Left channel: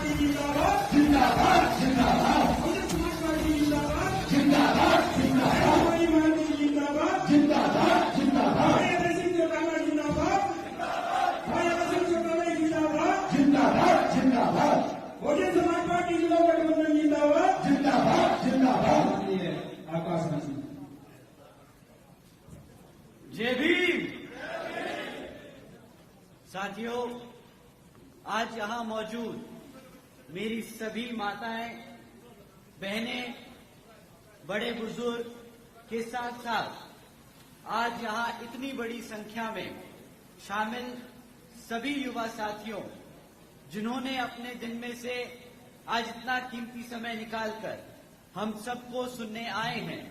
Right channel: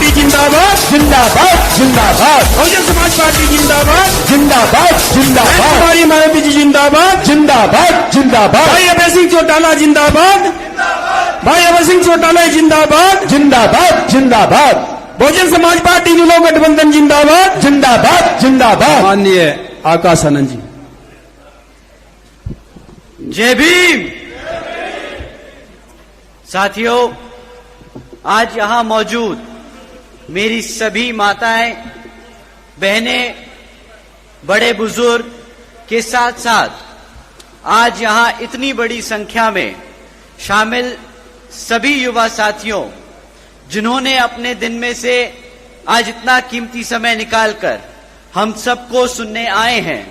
Party जिंदाबाद जिंदाबाद जिंदाबाद बहुजन समाज पार्टी जिंदाबाद जिंदाबाद जिंदाबाद कुमारी मायावती जी जिंदाबाद जिंदाबाद जिंदाबाद भाई अभय सिंह चौटाला जिंदाबाद भाई अभय सिंह चौटाला जिंदाबाद जिंदाबाद जिंदाबाद बहुजन समाज पार्टी लोक गठबंधन जिंदाबाद जिंदाबाद जिंदाबाद माननीय आकाश आनंद जी। जय भीम। साथियों, आज यहां मौजूद मेरी सभी माताएं, बहनें, बड़े बुजुर्ग के साथ साथ आज यहां इतनी बड़ी संख्या में शामिल सभी युवा साथियों जिन्होंने अपने दिन में से आज इतना कीमती समय निकालकर हम सबको सुनने आए हैं,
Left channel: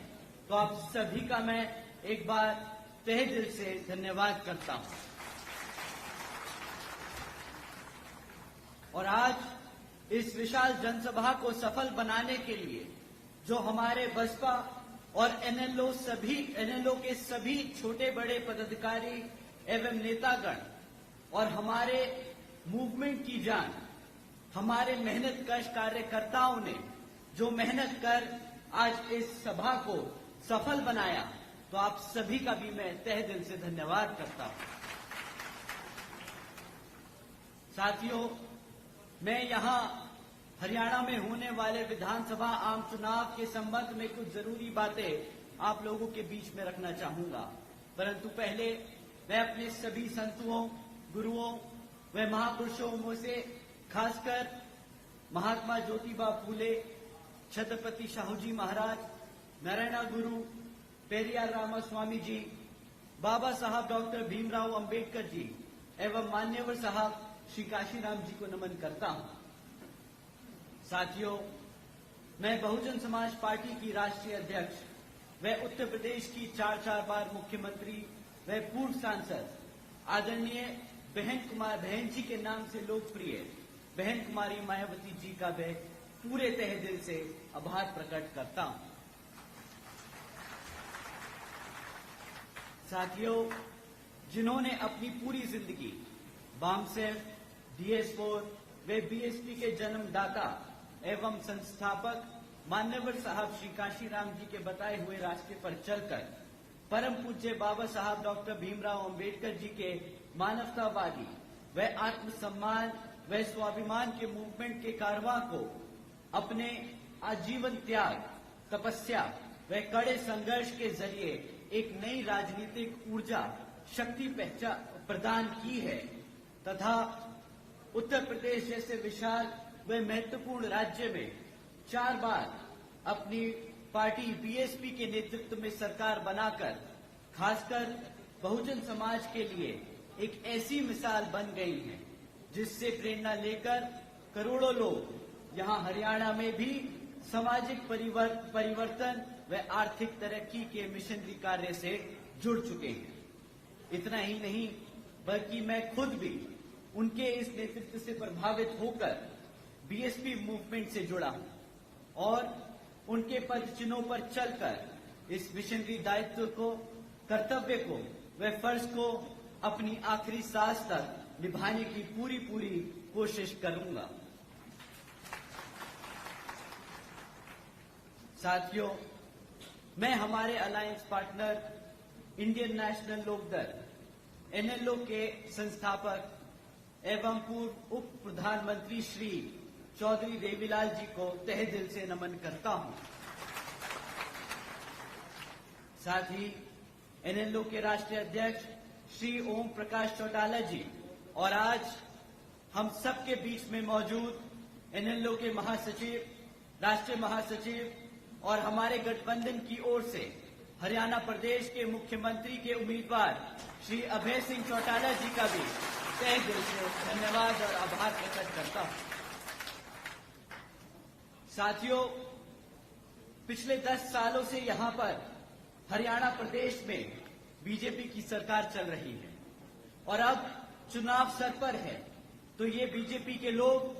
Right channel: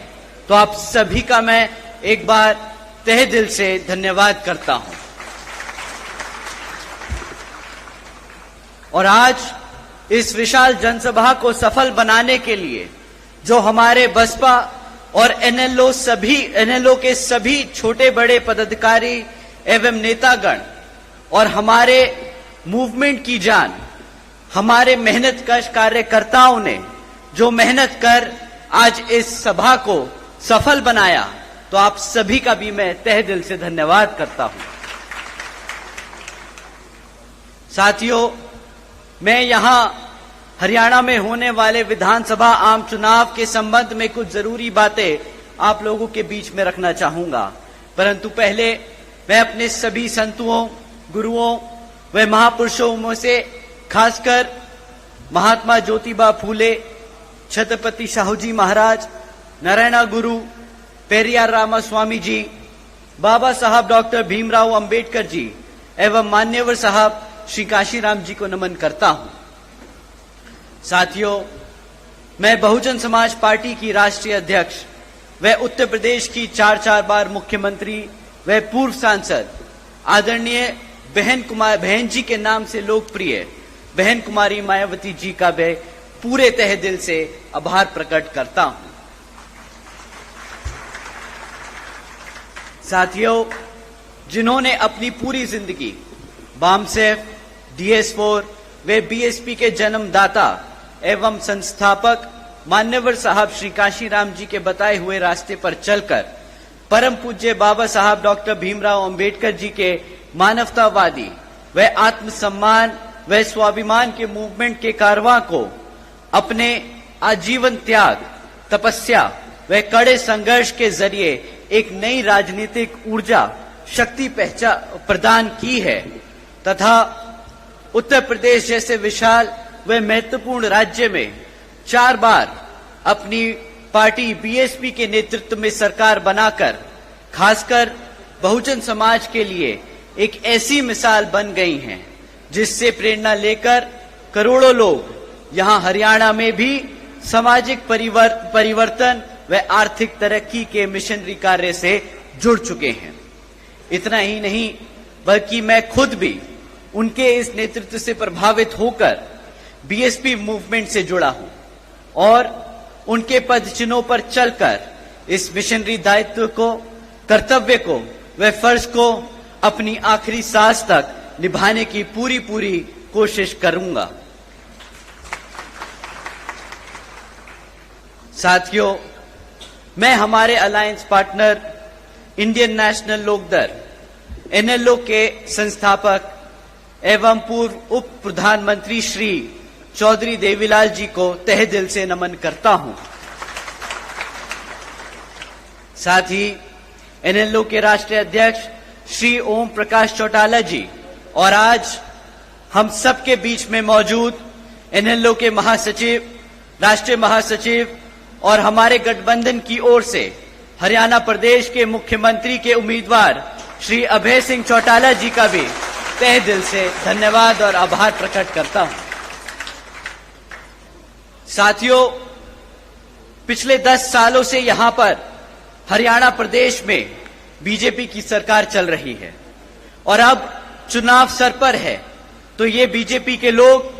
तो आप सभी का मैं एक बार तहे दिल से धन्यवाद करता हूं। और आज इस विशाल जनसभा को सफल बनाने के लिए जो हमारे बसपा और एनएलओ के सभी छोटे बड़े पदाधिकारी एवं नेतागण और हमारे मूवमेंट की जान, हमारे मेहनतकश कार्यकर्ताओं ने जो मेहनत कर आज इस सभा को सफल बनाया, तो आप सभी का भी मैं तहे दिल से धन्यवाद करता हूं। साथियों, मैं यहां हरियाणा में होने वाले विधानसभा आम चुनाव के संबंध में कुछ जरूरी बातें आप लोगों के बीच में रखना चाहूंगा, परंतु पहले मैं अपने सभी संतों, गुरुओं व महापुरुषों में से खासकर महात्मा ज्योतिबा फूले, छत्रपति शाहू जी महाराज, नारायण गुरु, पेरियार रामास्वामी जी, बाबा साहब डॉक्टर भीमराव अंबेडकर जी एवं मान्यवर साहब श्री काशीराम जी को नमन करता हूं। साथियों, मैं बहुजन समाज पार्टी की राष्ट्रीय अध्यक्ष व उत्तर प्रदेश की 4 बार मुख्यमंत्री व पूर्व सांसद आदरणीय बहन जी के नाम से लोकप्रिय बहन कुमारी मायावती जी का मैं पूरे तहे दिल से आभार प्रकट करता हूं। साथियों, जिन्होंने अपनी पूरी जिंदगी बामसेफ, DS4 वे बीएसपी के जन्मदाता एवं संस्थापक मान्यवर साहब श्री काशीराम जी के बताए हुए रास्ते पर चलकर परम पूज्य बाबा साहब डॉक्टर भीमराव अंबेडकर जी के मानवतावादी व आत्मसम्मान व स्वाभिमान के मूवमेंट के कारवां को अपने आजीवन त्याग, तपस्या व कड़े संघर्ष के जरिए एक नई राजनीतिक ऊर्जा शक्ति प्रदान की है तथा उत्तर प्रदेश जैसे विशाल व महत्वपूर्ण राज्य में 4 बार अपनी पार्टी बीएसपी के नेतृत्व में सरकार बनाकर खासकर बहुजन समाज के लिए एक ऐसी मिसाल बन गई हैं जिससे प्रेरणा लेकर करोड़ों लोग यहां हरियाणा में भी सामाजिक परिवर्तन व आर्थिक तरक्की के मिशनरी कार्य से जुड़ चुके हैं। इतना ही नहीं बल्कि मैं खुद भी उनके इस नेतृत्व से प्रभावित होकर बीएसपी मूवमेंट से जुड़ा हूं और उनके पद चिन्हों पर चलकर इस मिशनरी दायित्व को, कर्तव्य को व फर्ज को अपनी आखिरी सांस तक निभाने की पूरी कोशिश करूंगा। साथियों, मैं हमारे alliance partner Indian National Lokdal NLO के संस्थापक एवं पूर्व उप प्रधानमंत्री श्री चौधरी देवीलाल जी को तहे दिल से नमन करता हूं। साथ ही एनएलओ के राष्ट्रीय अध्यक्ष श्री ओम प्रकाश चौटाला जी और आज हम सबके बीच में मौजूद एनएलओ के महासचिव, राष्ट्रीय महासचिव और हमारे गठबंधन की ओर से हरियाणा प्रदेश के मुख्यमंत्री के उम्मीदवार श्री अभय सिंह चौटाला जी का भी तहे दिल से धन्यवाद और आभार प्रकट करता हूं। साथियों, पिछले 10 सालों से यहां पर हरियाणा प्रदेश में बीजेपी की सरकार चल रही है और अब चुनाव सर पर है, तो ये बीजेपी के लोग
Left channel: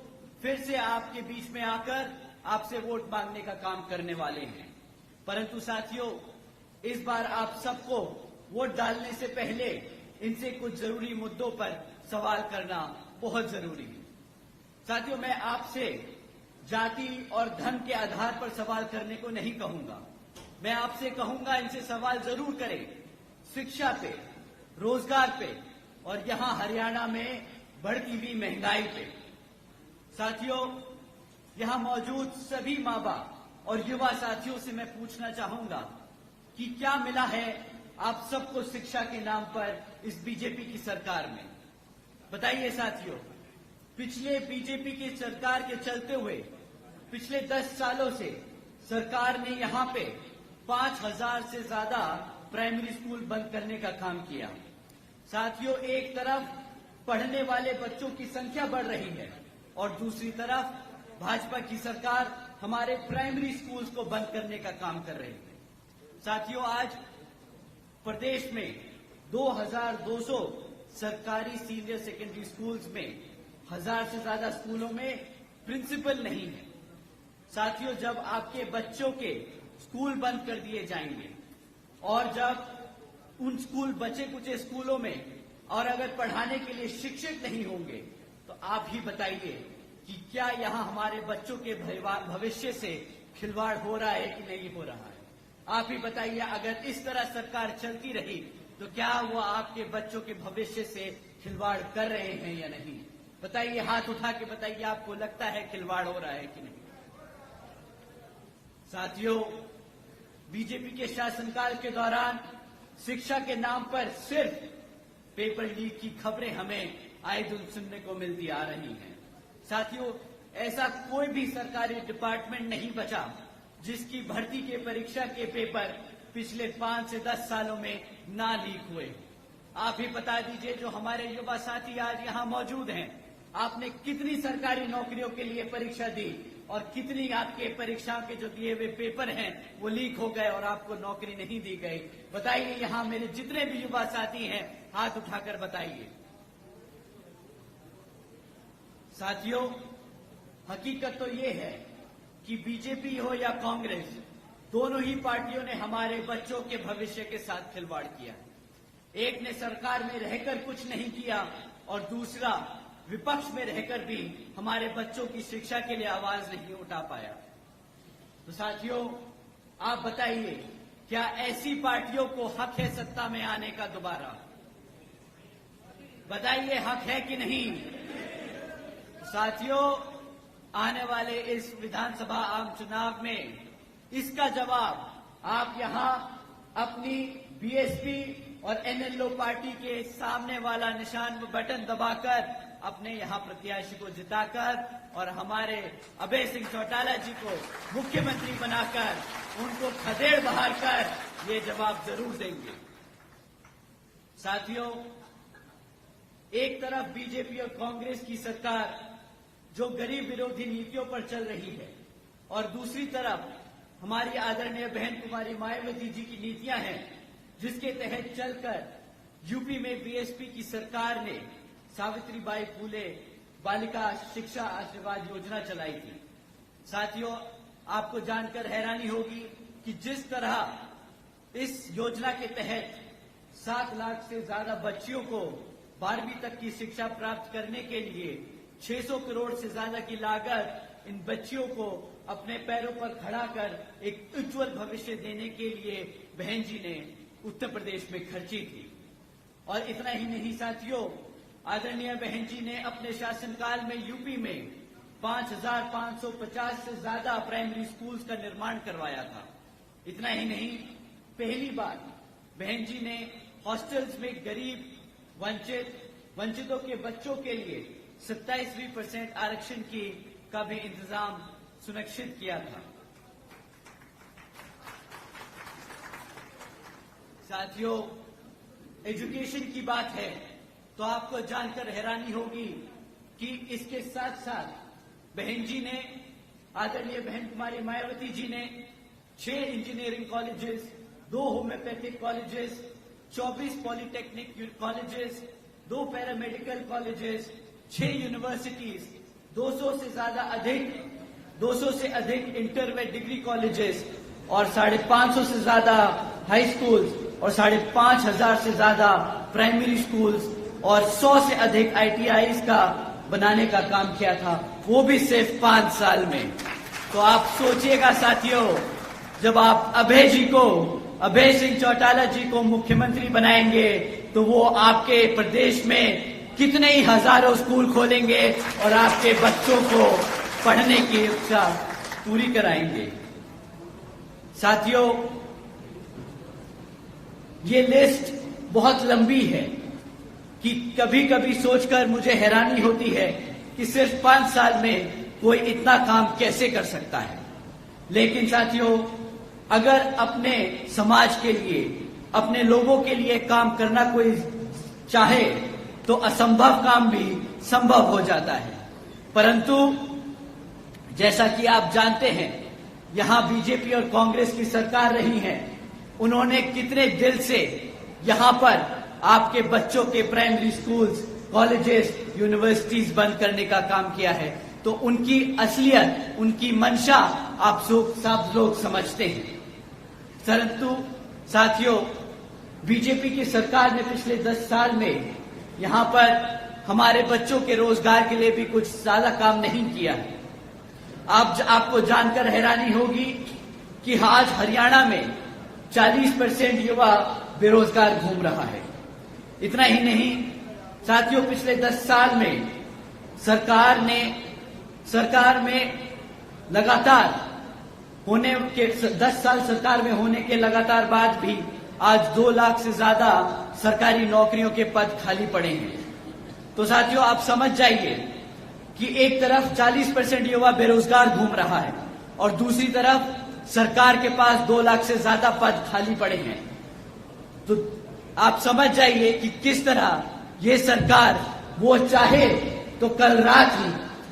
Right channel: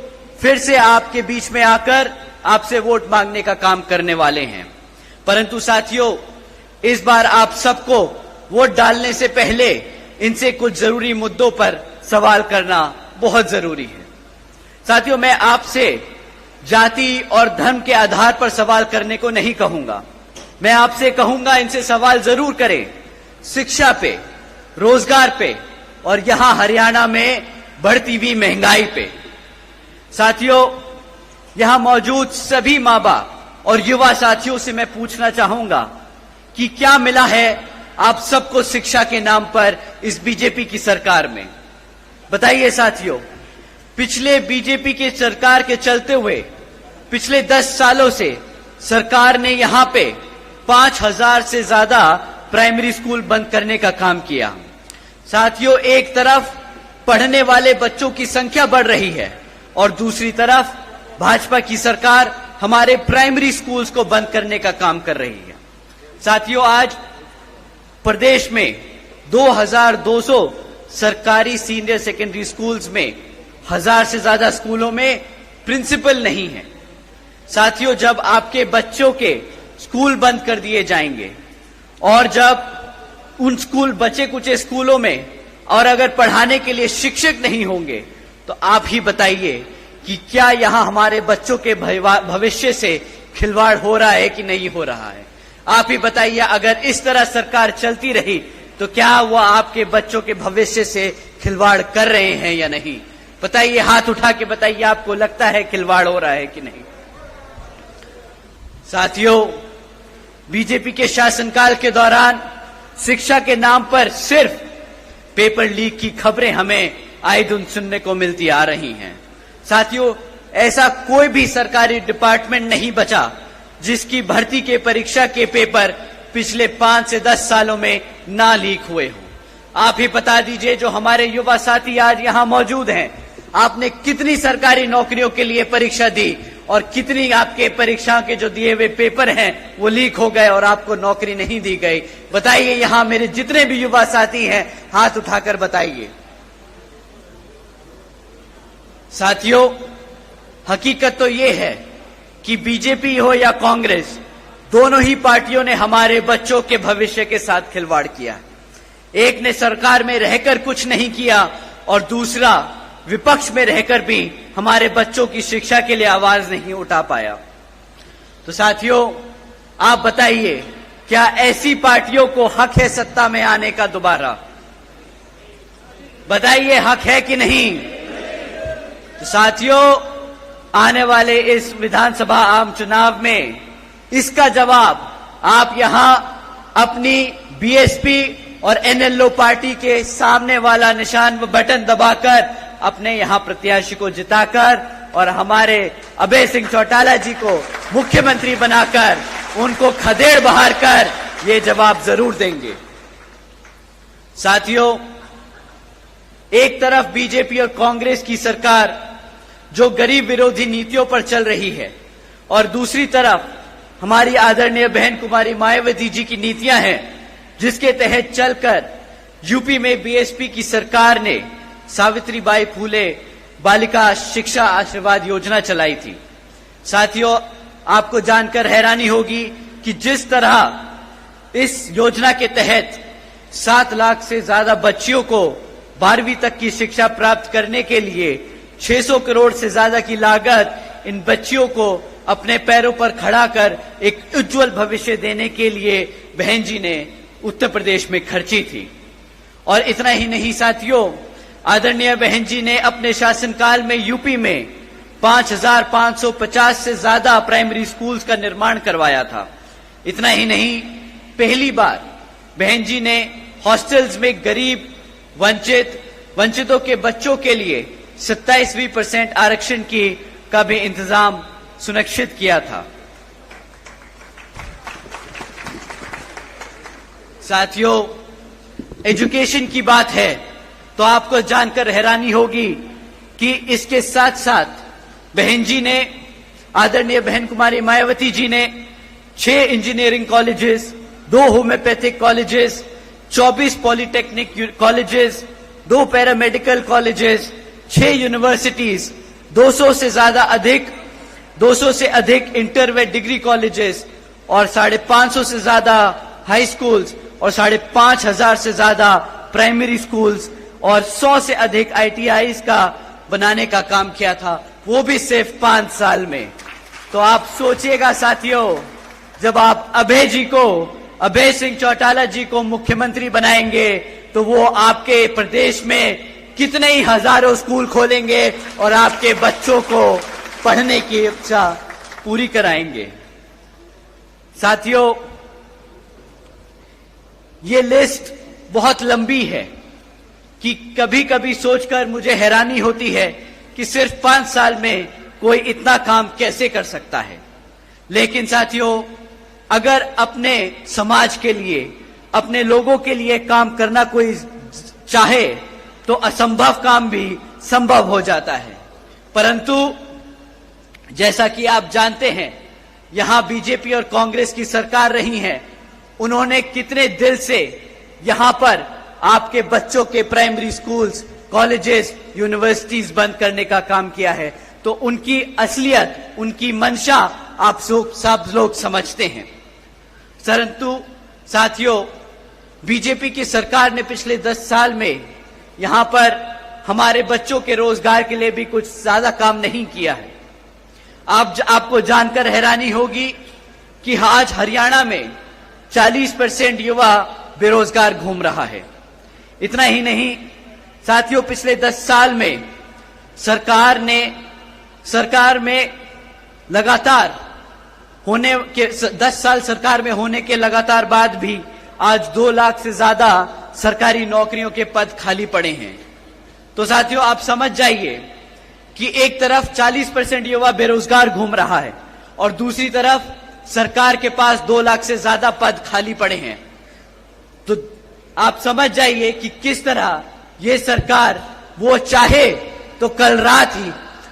फिर से आपके बीच में आकर आपसे वोट मांगने का काम करने वाले हैं। परंतु साथियों, इस बार आप सबको वोट डालने से पहले इनसे कुछ जरूरी मुद्दों पर सवाल करना बहुत जरूरी है। साथियों, मैं आपसे जाति और धर्म के आधार पर सवाल करने को नहीं कहूंगा। मैं आपसे कहूंगा, इनसे सवाल जरूर करें शिक्षा पे, रोजगार पे और यहां हरियाणा में बढ़ती हुई महंगाई पे। साथियों, यहां मौजूद सभी मां बाप और युवा साथियों से मैं पूछना चाहूंगा कि क्या मिला है आप सबको शिक्षा के नाम पर इस बीजेपी की सरकार में? बताइए साथियों, पिछले बीजेपी की सरकार के चलते हुए पिछले 10 सालों से सरकार ने यहां पे 5000 से ज्यादा प्राइमरी स्कूल बंद करने का काम किया। साथियों, एक तरफ पढ़ने वाले बच्चों की संख्या बढ़ रही है और दूसरी तरफ भाजपा की सरकार हमारे प्राइमरी स्कूल्स को बंद करने का काम कर रही है। साथियों, आज प्रदेश में 2200 सरकारी सीनियर सेकेंडरी स्कूल्स में 1000 से ज्यादा स्कूलों में प्रिंसिपल नहीं है। साथियों, जब आपके बच्चों के स्कूल बंद कर दिए जाएंगे और जब उन स्कूल बचे कुचे स्कूलों में और अगर पढ़ाने के लिए शिक्षक नहीं होंगे तो आप ही बताइए कि क्या यहां हमारे बच्चों के भविष्य से खिलवाड़ हो रहा है कि नहीं हो रहा है? आप ही बताइए, अगर इस तरह सरकार चलती रही तो क्या वो आपके बच्चों के भविष्य से खिलवाड़ कर रहे हैं या नहीं? बताइए, हाथ उठा के बताइए, आपको लगता है खिलवाड़ हो रहा है कि नहीं? साथियों, बीजेपी के शासनकाल के दौरान शिक्षा के नाम पर सिर्फ पेपर लीक की खबरें हमें आए दिन सुनने को मिलती आ रही हैं। साथियों, ऐसा कोई भी सरकारी डिपार्टमेंट नहीं बचा जिसकी भर्ती के परीक्षा के पेपर पिछले 5 से 10 सालों में ना लीक हुए हों। आप ही बता दीजिए, जो हमारे युवा साथी आज यहां मौजूद हैं, आपने कितनी सरकारी नौकरियों के लिए परीक्षा दी और कितनी आपके परीक्षा के जो दिए हुए पेपर हैं वो लीक हो गए और आपको नौकरी नहीं दी गई? बताइए, यहां मेरे जितने भी युवा साथी हैं, हाथ उठाकर बताइए। साथियों, हकीकत तो ये है कि बीजेपी हो या कांग्रेस, दोनों ही पार्टियों ने हमारे बच्चों के भविष्य के साथ खिलवाड़ किया। एक ने सरकार में रहकर कुछ नहीं किया और दूसरा विपक्ष में रहकर भी हमारे बच्चों की शिक्षा के लिए आवाज नहीं उठा पाया। तो साथियों, आप बताइए, क्या ऐसी पार्टियों को हक है सत्ता में आने का दोबारा? बताइए, हक है कि नहीं? तो साथियों, आने वाले इस विधानसभा आम चुनाव में इसका जवाब आप यहां अपनी बीएसपी और एनएलओ पार्टी के सामने वाला निशान व बटन दबाकर अपने यहां प्रत्याशी को जिताकर और हमारे अभय सिंह चौटाला जी को मुख्यमंत्री बनाकर उनको खदेड़ बहार कर ये जवाब जरूर देंगे। साथियों, एक तरफ बीजेपी और कांग्रेस की सरकार जो गरीब विरोधी नीतियों पर चल रही है और दूसरी तरफ हमारी आदरणीय बहन कुमारी मायावती जी की नीतियां हैं, जिसके तहत चलकर यूपी में बीएसपी की सरकार ने सावित्रीबाई फूले बालिका शिक्षा आशीर्वाद योजना चलाई थी। साथियों, आपको जानकर हैरानी होगी कि जिस तरह इस योजना के तहत 7 लाख से ज्यादा बच्चियों को 12वीं तक की शिक्षा प्राप्त करने के लिए 600 करोड़ से ज्यादा की लागत इन बच्चियों को अपने पैरों पर खड़ा कर एक उज्जवल भविष्य देने के लिए बहन जी ने उत्तर प्रदेश में खर्ची थी। और इतना ही नहीं साथियों, आदरणीय बहन जी ने अपने शासनकाल में यूपी में 5550 से ज्यादा प्राइमरी स्कूल्स का निर्माण करवाया था। इतना ही नहीं, पहली बार बहन जी ने हॉस्टल्स में गरीब वंचितों के बच्चों के लिए 27% आरक्षण का भी इंतजाम सुनिश्चित किया था। साथियों, एजुकेशन की बात है तो आपको जानकर हैरानी होगी कि इसके साथ साथ बहन जी ने, आदरणीय बहन कुमारी मायावती जी ने 6 engineering colleges, 2 homeopathic colleges, 24 polytechnic colleges, 2 paramedical colleges, 6 universities, 200 से अधिक इंटर व डिग्री कॉलेजेस और 550 से ज्यादा हाई स्कूल्स और 5,500 से ज्यादा प्राइमरी स्कूल्स और 100 से अधिक ITIs का बनाने का काम किया था। वो भी सिर्फ 5 साल में। तो आप सोचिएगा साथियों, जब आप अभय सिंह चौटाला जी को मुख्यमंत्री बनाएंगे तो वो आपके प्रदेश में कितने ही हजारों स्कूल खोलेंगे और आपके बच्चों को पढ़ने की इच्छा पूरी कराएंगे। साथियों, ये लिस्ट बहुत लंबी है कि कभी कभी सोचकर मुझे हैरानी होती है कि सिर्फ 5 साल में कोई इतना काम कैसे कर सकता है। लेकिन साथियों, अगर अपने समाज के लिए, अपने लोगों के लिए काम करना कोई चाहे तो असंभव काम भी संभव हो जाता है। परंतु जैसा कि आप जानते हैं, यहां बीजेपी और कांग्रेस की सरकार रही है, उन्होंने कितने दिल से यहां पर आपके बच्चों के प्राइमरी स्कूल्स, कॉलेजेस, यूनिवर्सिटीज बंद करने का काम किया है। तो उनकी असलियत, उनकी मंशा आप सब लोग समझते हैं। परंतु साथियों, बीजेपी की सरकार ने पिछले 10 साल में यहां पर हमारे बच्चों के रोजगार के लिए भी कुछ ज्यादा काम नहीं किया है। आपको जानकर हैरानी होगी कि आज हरियाणा में 40% युवा बेरोजगार घूम रहा है। इतना ही नहीं साथियों, पिछले 10 साल में सरकार में लगातार होने के 10 साल सरकार में होने के लगातार बाद भी आज 2 लाख से ज्यादा सरकारी नौकरियों के पद खाली पड़े हैं। तो साथियों, आप समझ जाइए कि एक तरफ 40% युवा बेरोजगार घूम रहा है और दूसरी तरफ सरकार के पास 2 लाख से ज्यादा पद खाली पड़े हैं। तो आप समझ जाइए कि किस तरह ये सरकार, वो चाहे तो कल रात ही,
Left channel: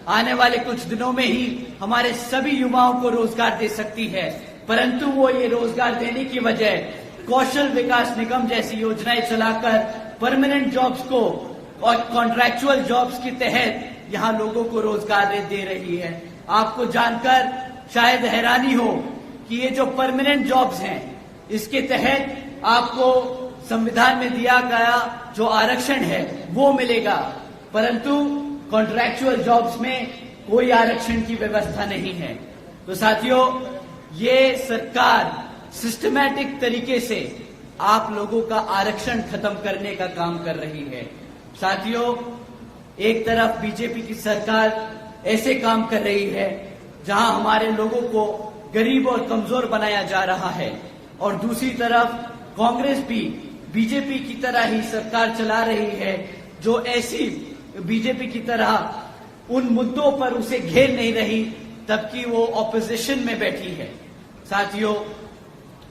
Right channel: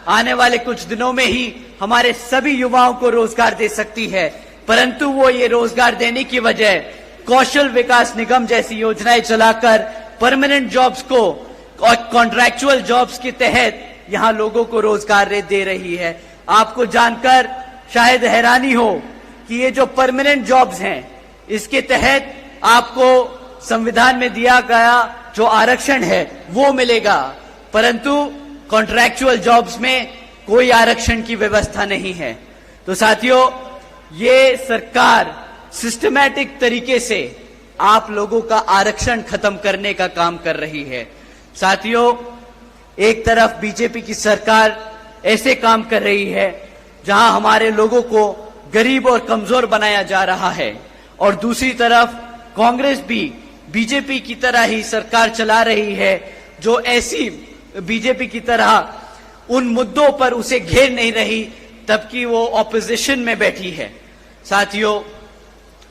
आने वाले कुछ दिनों में ही हमारे सभी युवाओं को रोजगार दे सकती है। परंतु वो ये रोजगार देने की बजाय कौशल विकास निगम जैसी योजनाएं चलाकर परमानेंट जॉब्स को और कॉन्ट्रैक्चुअल जॉब्स के तहत यहां लोगों को रोजगार दे रही है। आपको जानकर शायद हैरानी हो कि ये जो परमानेंट जॉब्स हैं, इसके तहत आपको संविधान में दिया गया जो आरक्षण है वो मिलेगा, परंतु कॉन्ट्रैक्चुअल जॉब्स में कोई आरक्षण की व्यवस्था नहीं है। तो साथियों, ये सरकार सिस्टमैटिक तरीके से आप लोगों का आरक्षण खत्म करने का काम कर रही है। साथियों, एक तरफ बीजेपी की सरकार ऐसे काम कर रही है जहां हमारे लोगों को गरीब और कमजोर बनाया जा रहा है, और दूसरी तरफ कांग्रेस भी बीजेपी की तरह ही सरकार चला रही है जो ऐसी बीजेपी की तरह उन मुद्दों पर उसे घेर नहीं रही तबकि वो ऑपोजिशन में बैठी है। साथियों,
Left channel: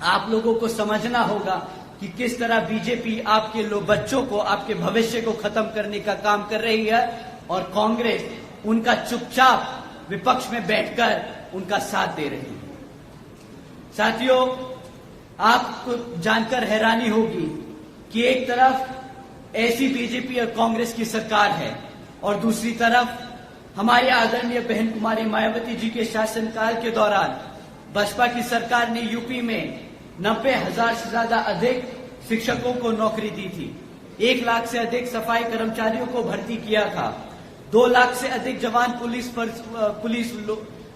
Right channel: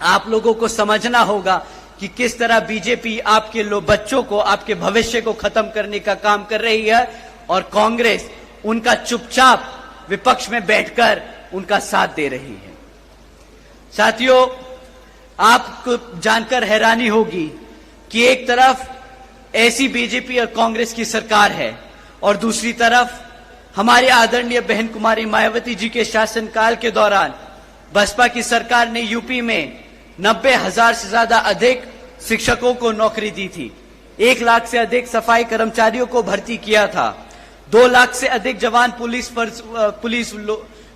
आप लोगों को समझना होगा कि किस तरह बीजेपी आपके बच्चों को, आपके भविष्य को खत्म करने का काम कर रही है और कांग्रेस उनका चुपचाप विपक्ष में बैठकर उनका साथ दे रही है। साथियों, आपको जानकर हैरानी होगी कि एक तरफ ऐसी बीजेपी और कांग्रेस की सरकार है और दूसरी तरफ हमारे आदरणीय बहन कुमारी मायावती जी के शासनकाल के दौरान बसपा की सरकार ने यूपी में 90,000 से ज्यादा अधिक शिक्षकों को नौकरी दी थी, 1 लाख से अधिक सफाई कर्मचारियों को भर्ती किया था, 2 लाख से अधिक जवान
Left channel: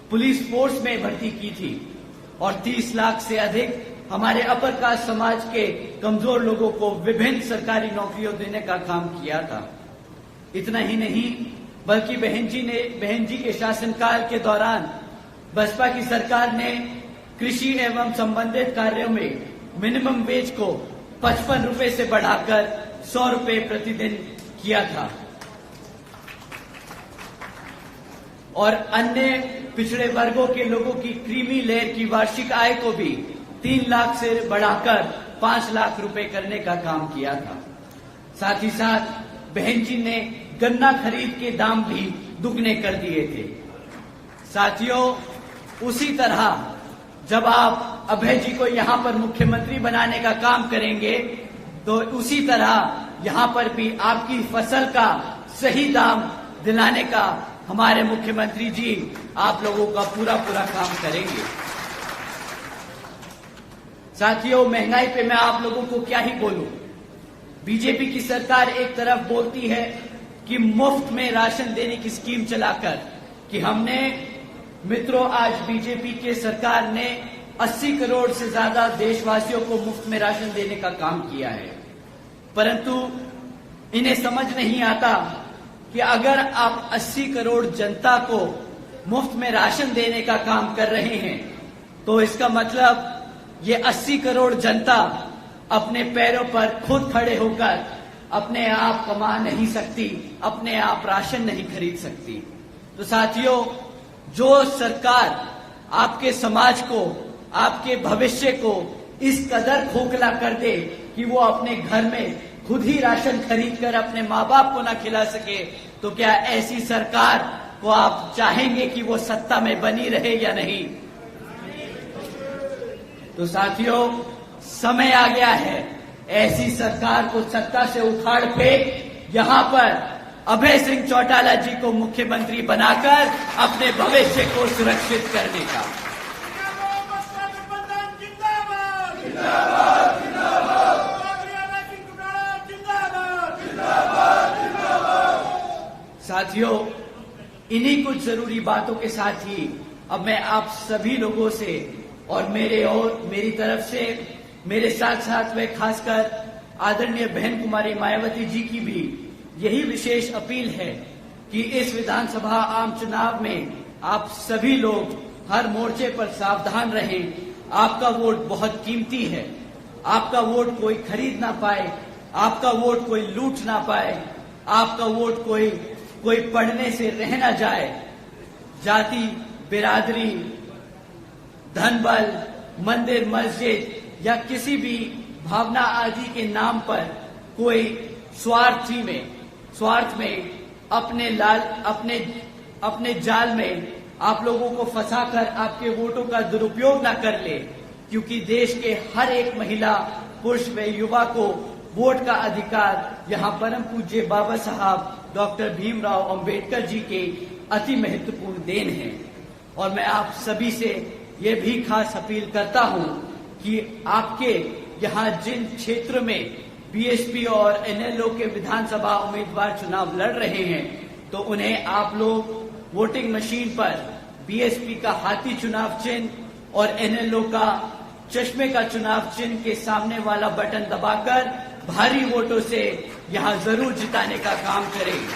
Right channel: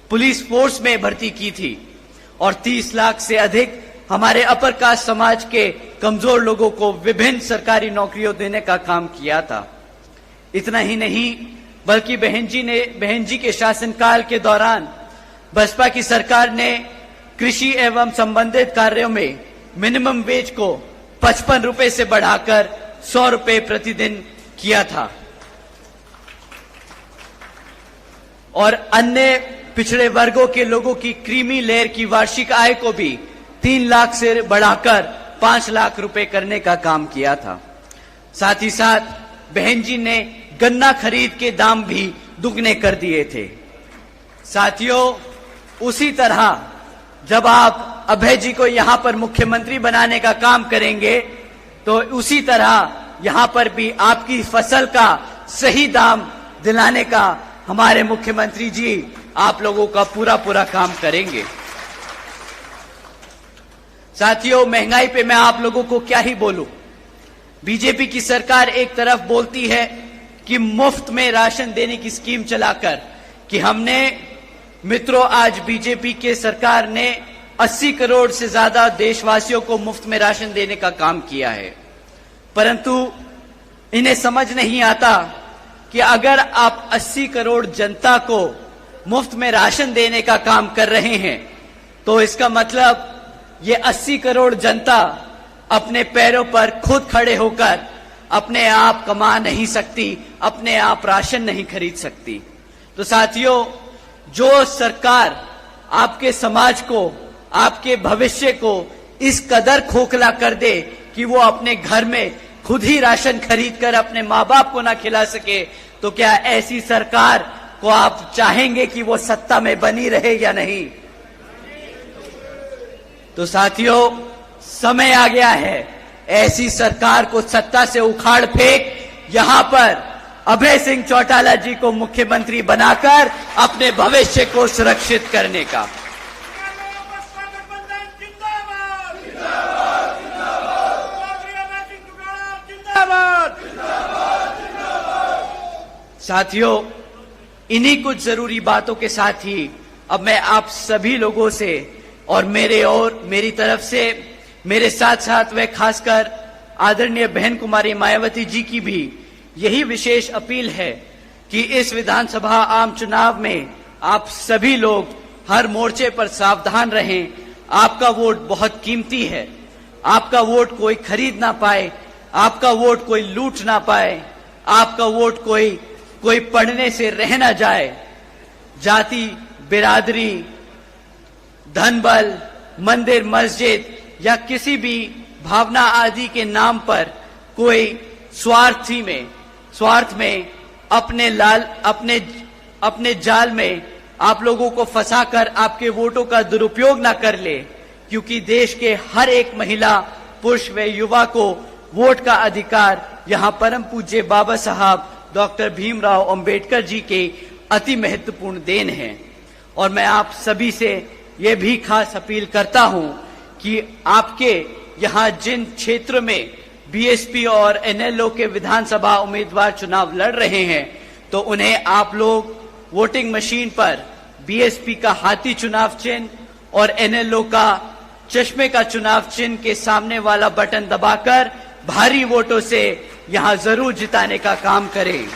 पुलिस फोर्स में भर्ती की थी और 30 लाख से अधिक हमारे अपर कास्ट समाज के कमजोर लोगों को विभिन्न सरकारी नौकरियों देने का काम किया था। इतना ही नहीं बल्कि बहन जी के शासनकाल के दौरान बसपा की सरकार ने कृषि एवं संबंधित कार्यों में मिनिमम वेज को 55 रुपए से बढ़ाकर 100 रुपए प्रतिदिन किया था और अन्य पिछड़े वर्गों के लोगों की क्रीमी लेयर की वार्षिक आय को भी 3 लाख से बढ़ाकर 5 लाख रुपए करने का काम किया था। साथ ही साथ बहन जी ने गन्ना खरीद के दाम भी दुगने कर दिए थे। साथियों, उसी तरह जब आप अभय जी को यहां पर मुख्यमंत्री बनाने का काम करेंगे तो उसी तरह यहां पर भी आपकी फसल का सही दाम दिलाने का हमारे मुख्यमंत्री जी आप लोगों का पूरा काम करेंगे। साथियों, महंगाई पे मैं आप लोगों को क्या ही बोलूं। बीजेपी की सरकार एक तरफ बोलती है कि मुफ्त में राशन देने की स्कीम चलाकर कि हमने मित्रों आज बीजेपी के सरकार ने 80 करोड़ से ज्यादा देशवासियों को मुफ्त में राशन देने का काम किया है, परंतु इन्हें समझ नहीं आता कि अगर आप 80 करोड़ जनता को मुफ्त में राशन देने का काम कर रहे हैं तो इसका मतलब ये 80 करोड़ जनता अपने पैरों पर खुद खड़े होकर अपने आप कमा नहीं सकती, अपने आप राशन नहीं खरीद सकती। तो साथियों, जो सरकार आपके समाज को, आपके भविष्य को इस कदर खोखला कर दे कि वो अपने घर में खुद ही राशन खरीद कर अपने माँ बाप को ना खिला सके, तो क्या ऐसी सरकार को आप चाहेंगे कि वो सत्ता में बनी रहे या नहीं? तो साथियों, समय आ गया है ऐसी सरकार को सत्ता से उखाड़ फेंक यहां पर अभय सिंह चौटाला जी को मुख्यमंत्री बनाकर अपने भविष्य को सुरक्षित करने का। साथियों, इन्हीं कुछ जरूरी बातों के साथ ही अब मैं आप सभी लोगों से और मेरी तरफ से मेरे साथ साथ व खासकर आदरणीय बहन कुमारी मायावती जी की भी यही विशेष अपील है कि इस विधानसभा आम चुनाव में आप सभी लोग हर मोर्चे पर सावधान रहें। आपका वोट बहुत कीमती है, आपका वोट कोई खरीद ना पाए, आपका वोट कोई लूट ना पाए, आपका वोट कोई पढ़ने से रह ना जाए। जाति, बिरादरी, धन बल, मंदिर मस्जिद या किसी भी भावना आदि के नाम पर कोई स्वार्थ में अपने जाल में आप लोगों को फंसाकर आपके वोटों का दुरुपयोग ना कर ले, क्योंकि देश के हर एक महिला, पुरुष व युवा को वोट का अधिकार यहाँ परम पूज्य बाबा साहब डॉक्टर भीमराव अंबेडकर जी के अति महत्वपूर्ण देन है। और मैं आप सभी से ये भी खास अपील करता हूं कि आपके यहाँ जिन क्षेत्र में बीएसपी और एनएलओ के विधानसभा उम्मीदवार चुनाव लड़ रहे हैं, तो उन्हें आप लोग वोटिंग मशीन पर बीएसपी का हाथी चुनाव चिन्ह और एनएलओ का चश्मे का चुनाव चिन्ह के सामने वाला बटन दबाकर भारी वोटों से यहां जरूर जिताने का काम करें।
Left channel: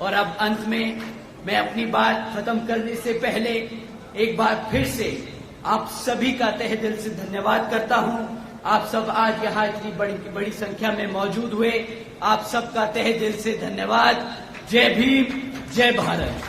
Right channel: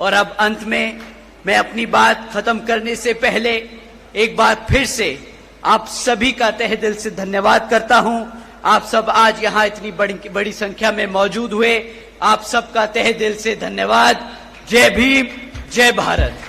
और अब अंत में मैं अपनी बात खत्म करने से पहले एक बार फिर से आप सभी का तहे दिल से धन्यवाद करता हूं। आप सब आज यहां इतनी बड़ी संख्या में मौजूद हुए, आप सबका तहे दिल से धन्यवाद। जय भीम, जय भारत।